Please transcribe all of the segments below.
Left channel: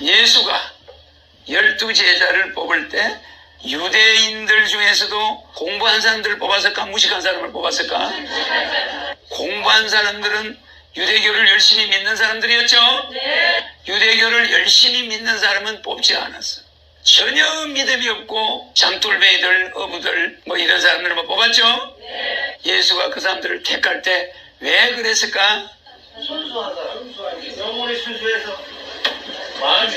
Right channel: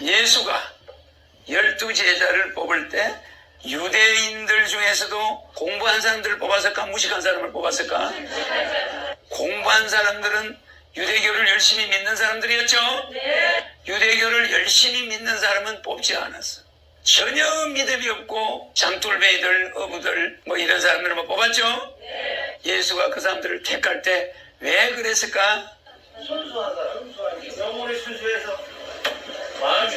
예수가 열두 제자를 뽑을 때 유대인들 중에서도 공부한 사람들을 뽑았을까? 무식한 사람을 뽑았을까? 공부한 사람들은 유대교를 열심히 믿는 사람들이었죠? 유대교를 열심히 믿는 사람은 뽑지 않았어 전혀 믿음이 없고 장돌뱅이들 어부들 뭐 이런 사람들을 뭐 뽑았죠? 예수가 그 사람들을 택할 때 왜 그랬을까? 순수하다. 영혼이 순수해서 마음이.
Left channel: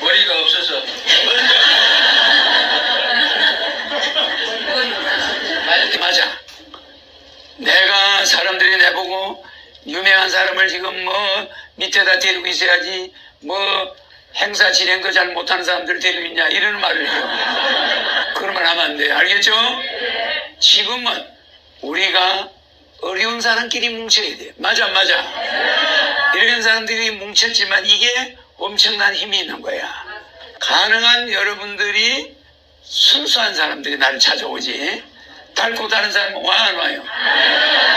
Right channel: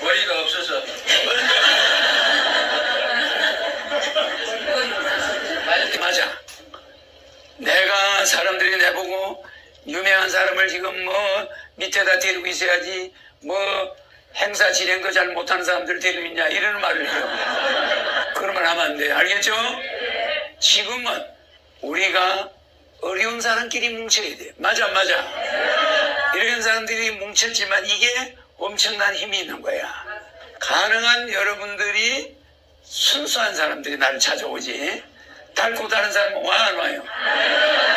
머리가 없어서. 맞아. 내가 사람들이 내보고 유명한 사람을 지금 뭐 밑에다 데리고 있어야지 뭐 행사 진행도 잘 못하는 사람들 데리고 있냐 이런 말을 해요. 그러면 하면 안 돼. 알겠죠? 지금은 우리가 어려운 사람끼리 뭉쳐야 돼. 맞아 맞아. 이런 사람들이 뭉쳤지만 이게 엄청난 힘이 있는 거야. 가능한 여러분들이 순수한 사람들이 나를 찾아오지. 닳고 다른 사람은 와안 와요.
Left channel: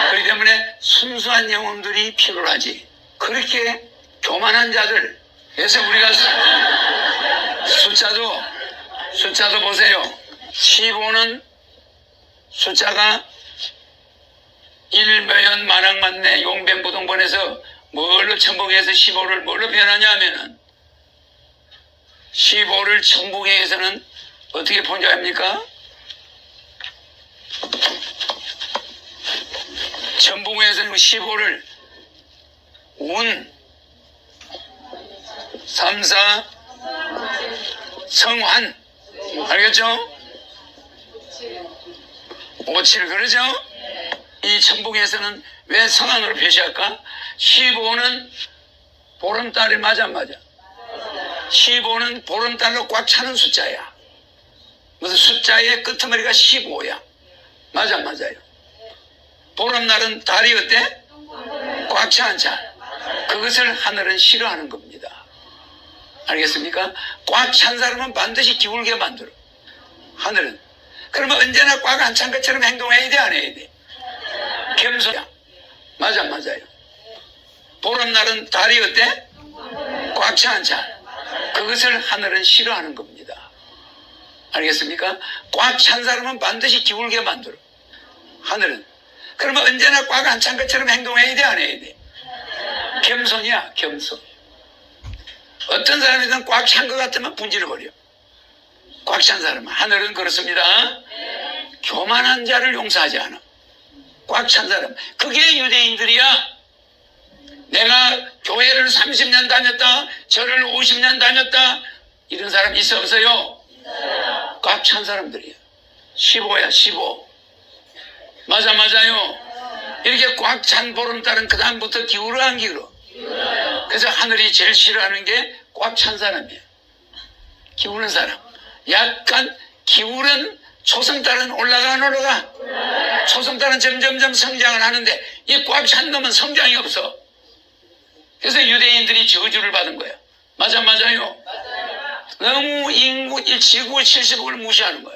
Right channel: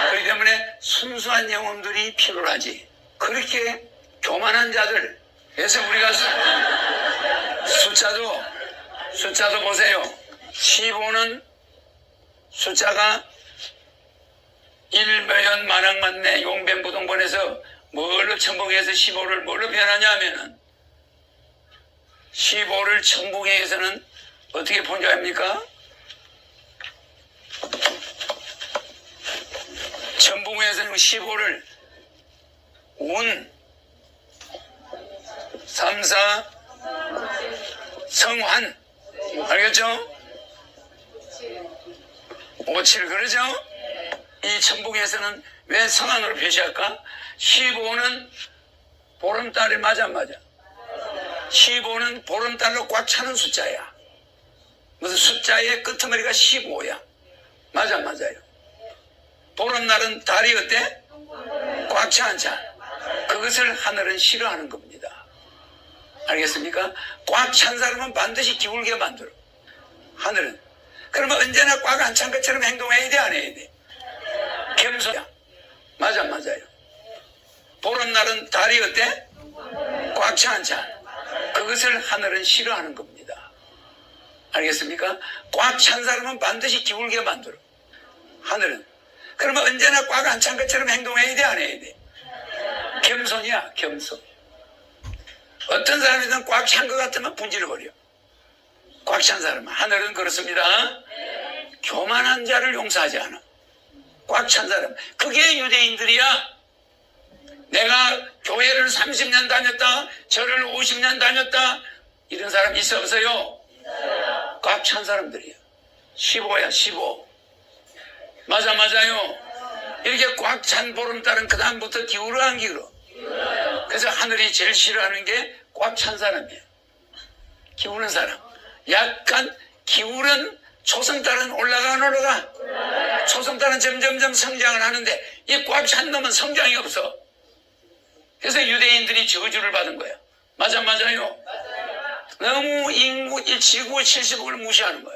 그렇기 때문에 순수한 영혼들이 필요하지. 그렇게 교만한 자들. 그래서 우리가 수- 숫자도 숫자도 보세요. 15는 숫자가 일묘연 만학만내 용변부동본에서 뭘로 천복해서 15를 뭘로 변하냐 하면은 15를 천복에서는 어떻게 번역합니까? 천복에서는 15를 운, 삼사, 성환 알겠죠? 오칠 그러죠? 이 천복에서는 왜 성안으로 표시할까? 15는 보름달이 맞아 안 맞아. 15는 보름달로 꽉 차는 숫자야. 무슨 숫자의 끄트머리가 15야. 맞아 안 맞아요. 보름날은 달이 어때? 꽉 차 안 차. 그것을 하늘은 싫어하는 겁니다. 알겠습니까? 꽉 찬 사람은 반드시 기울게 만들어. 하늘은. 그러면 언제나 꽉 안 찬 것처럼 행동해야 돼, 안 해야 돼? 겸손이야. 맞아, 안 맞아요. 보름날은 달이 어때? 꽉차안 차. 그것을 하늘은 싫어하는 겁니다. 알겠습니까? 꽉 찬 사람은 반드시 기울게 만들어. 하늘은. 그러면 언제나 꽉 안 찬 것처럼 행동해야 돼, 안 해야 돼? 겸손이야, 겸손. 어떤 사람이든 꽉 찬 것 같으면 분질러버려. 꽉 찬 사람은. 하늘은 그렇습니다. 교만한 자를 용서하지 않아. 꽉 찬 사람. 그게 유대인들이야. 내가 교회를 30년 다녔다, 절을 50년 다녔다, 이런 사람 있어 없어요? 꽉 찬 사람들이야. 15야, 15. 맞아, 맞아요. 이렇게 꽉 찬 보름달은 그다음부터 기울어 안 기울어? 그래서 하늘이 제일 싫어하는 게 꽉 찬 사람이에요. 기우는 사람. 약간 기울은 초승달은 올라가 안 올라가? 초승달은 점점점 성장을 하는데 이 꽉찬 놈은 성장이 없어. 그래서 유대인들이 저주를 받은 거야. 맞아, 맞아요. 너무 인구, 이 지구 70억을 무시하는 거야.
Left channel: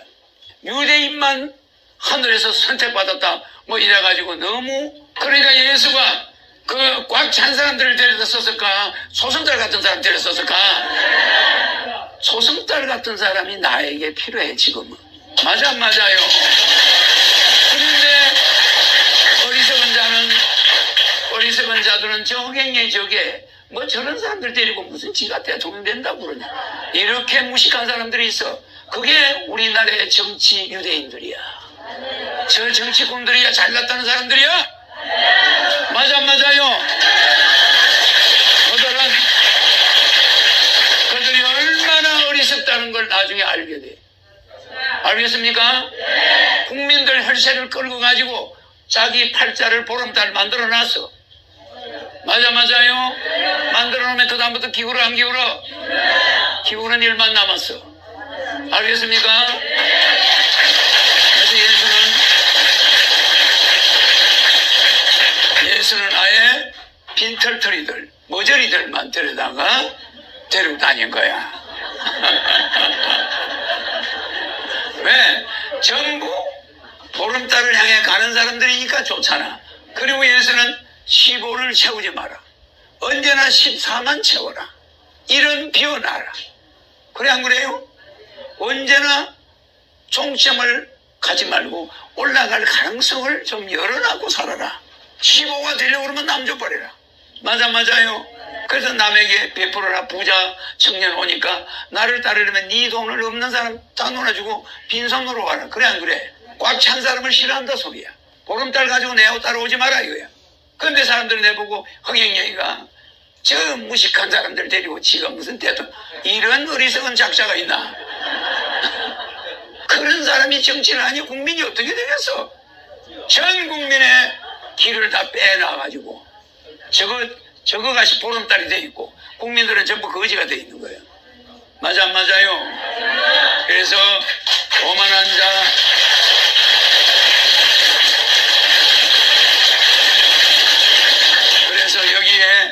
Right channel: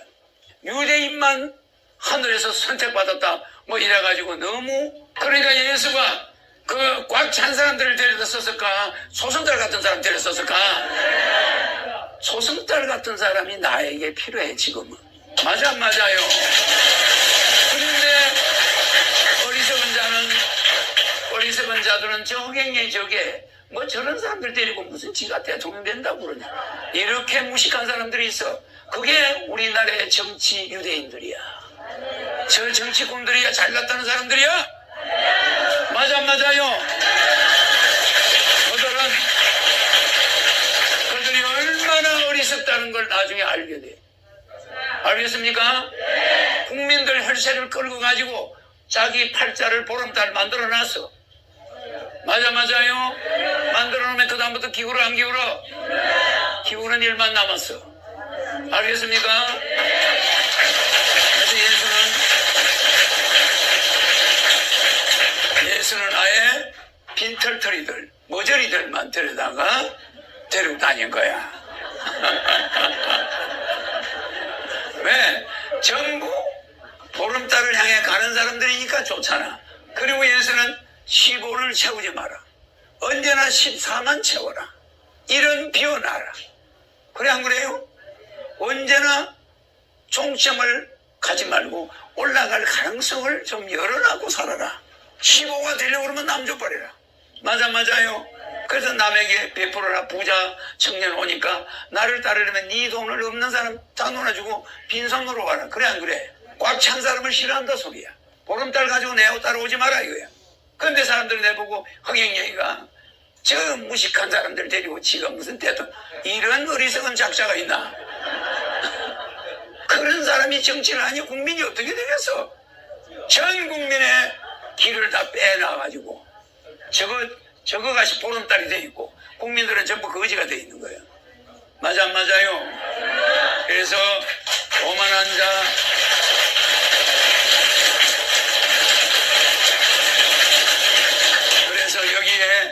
유대인만 하늘에서 선택받았다. 뭐 이래가지고 너무. 그러니까 예수가 그 꽉 찬 사람들을 데려다 썼을까? 소승달 같은 사람 데려 썼을까? 소승달 같은 사람이 나에게 필요해, 지금은. 맞아, 안 맞아요. 근데 어리석은 자는 어리석은 자들은 저갱에 저게 뭐 저런 사람들 데리고 무슨 지가 대통령된다고 그러냐. 이렇게 무식한 사람들이 있어. 그게 우리나라의 정치 유대인들이야. 저 정치꾼들이야. 잘났다는 사람들이야? 맞아 안 맞아요? 그들은 그들이 얼마나 어리석다는 걸 나중에 알게 돼 알겠습니까? 국민들 혈세를 끌고 가지고 자기 팔자를 보름달 만들어 놨어. 맞아, 맞아요? 만들어 놓으면 그다음부터 기울어, 안 기울어? 기울은 일만 남았어. 알겠습니까? 그래서 예수는, 예수는 아예 빈털터리들, 머저리들만 데려다가 데리고 다닌 거야. 왜? 전부 보름달을 향해 가는 사람들이니까 좋잖아. 그리고 예수는 15를 채우지 마라. 언제나 14만 채워라. 이런 비워놔라. 그래 안 그래요? 언제나 종점을 가지 말고 올라갈 가능성을 좀 열어놔고 살아라. 15가 되려고 그러면 남 줘버려라. 맞아 맞아요. 그래서 남에게 베풀어라 부자 청년 오니까 나를 따르려면 네 돈을 없는 사람 다 놀아주고 빈손으로 가라. 그래 안 그래? 꽉 찬 사람을 싫어한다 소리야. 보름달 가지고 내하고 따라오지 마라 이거야. 근데 사람들 내보고 흥행영이가 저 무식한 사람들 데리고 지가 무슨 대통 이런 어리석은 작자가 있나? 그런 사람이 정치를 하니 국민이 어떻게 되겠어? 전 국민의 길을 다 빼놔가지고 저거 저거 같이 보름달이 돼 있고 국민들은 전부 거지가 돼 있는 거예요. 맞아 안 맞아요? 그래서 오만한 자 그래서 여기에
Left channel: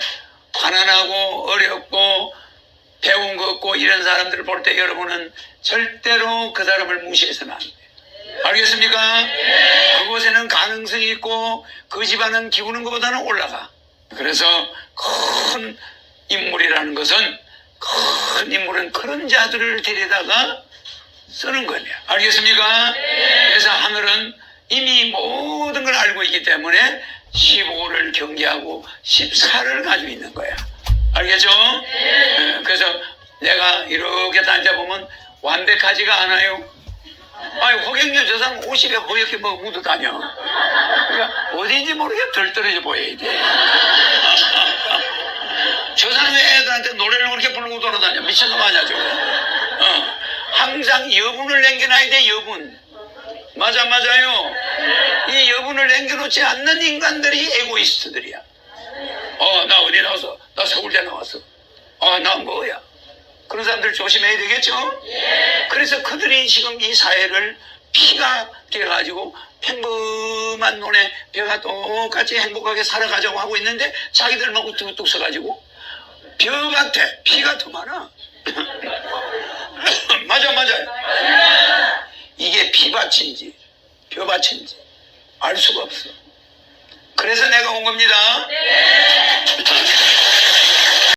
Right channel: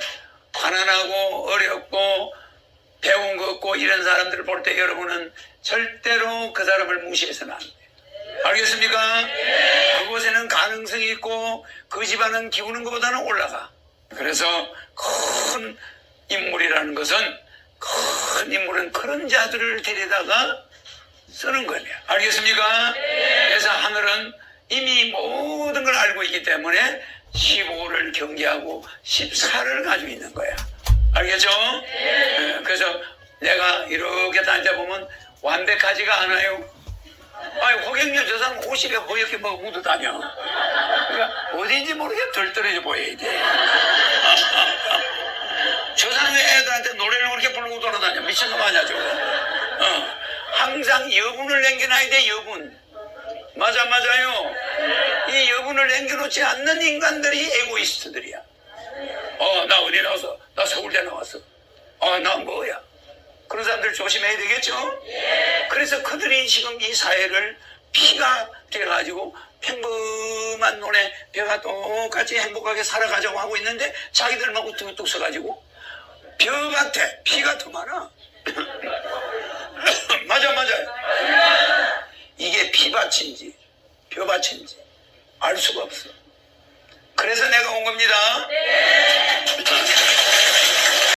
가난하고 어렵고 배운 거 없고 이런 사람들을 볼 때 여러분은 절대로 그 사람을 무시해서는 안 돼요. 알겠습니까? 그곳에는 가능성이 있고 그 집안은 기우는 것보다는 올라가. 그래서 큰 인물이라는 것은 큰 인물은 그런 자들을 데려다가 쓰는 거냐. 알겠습니까? 그래서 하늘은 이미 모든 걸 알고 있기 때문에 15를 경계하고 14를 가지고 있는 거야. 알겠죠? 예, 그래서 내가 이렇게 앉아보면 완벽하지가 않아요. 아니, 호객님 저 사람 옷이 왜 허옇게 뭐 묻어 다녀? 그러니까 어딘지 모르게 덜 떨어져 보여야 돼. 저 사람이 애들한테 노래를 그렇게 부르고 돌아다녀. 미친놈 아니야, 저거. 어. 항상 여분을 남겨놔야 돼, 여분. 맞아, 맞아요. 이 여분을 남겨놓지 않는 인간들이 에고이스트들이야. 어, 나 어디 나왔어? 나 서울대 나왔어. 어, 나 뭐야? 그런 사람들 조심해야 되겠죠? 그래서 그들이 지금 이 사회를 피가 돼가지고 평범한 눈에 배가 똑같이 행복하게 살아가자고 하고 있는데 자기들만 우뚝우뚝 서가지고 벼 같아. 피가 더 많아. 맞아, 맞아. 이게 피밭인지 벼밭인지 알 수가 없어. 그래서 내가 온 겁니다.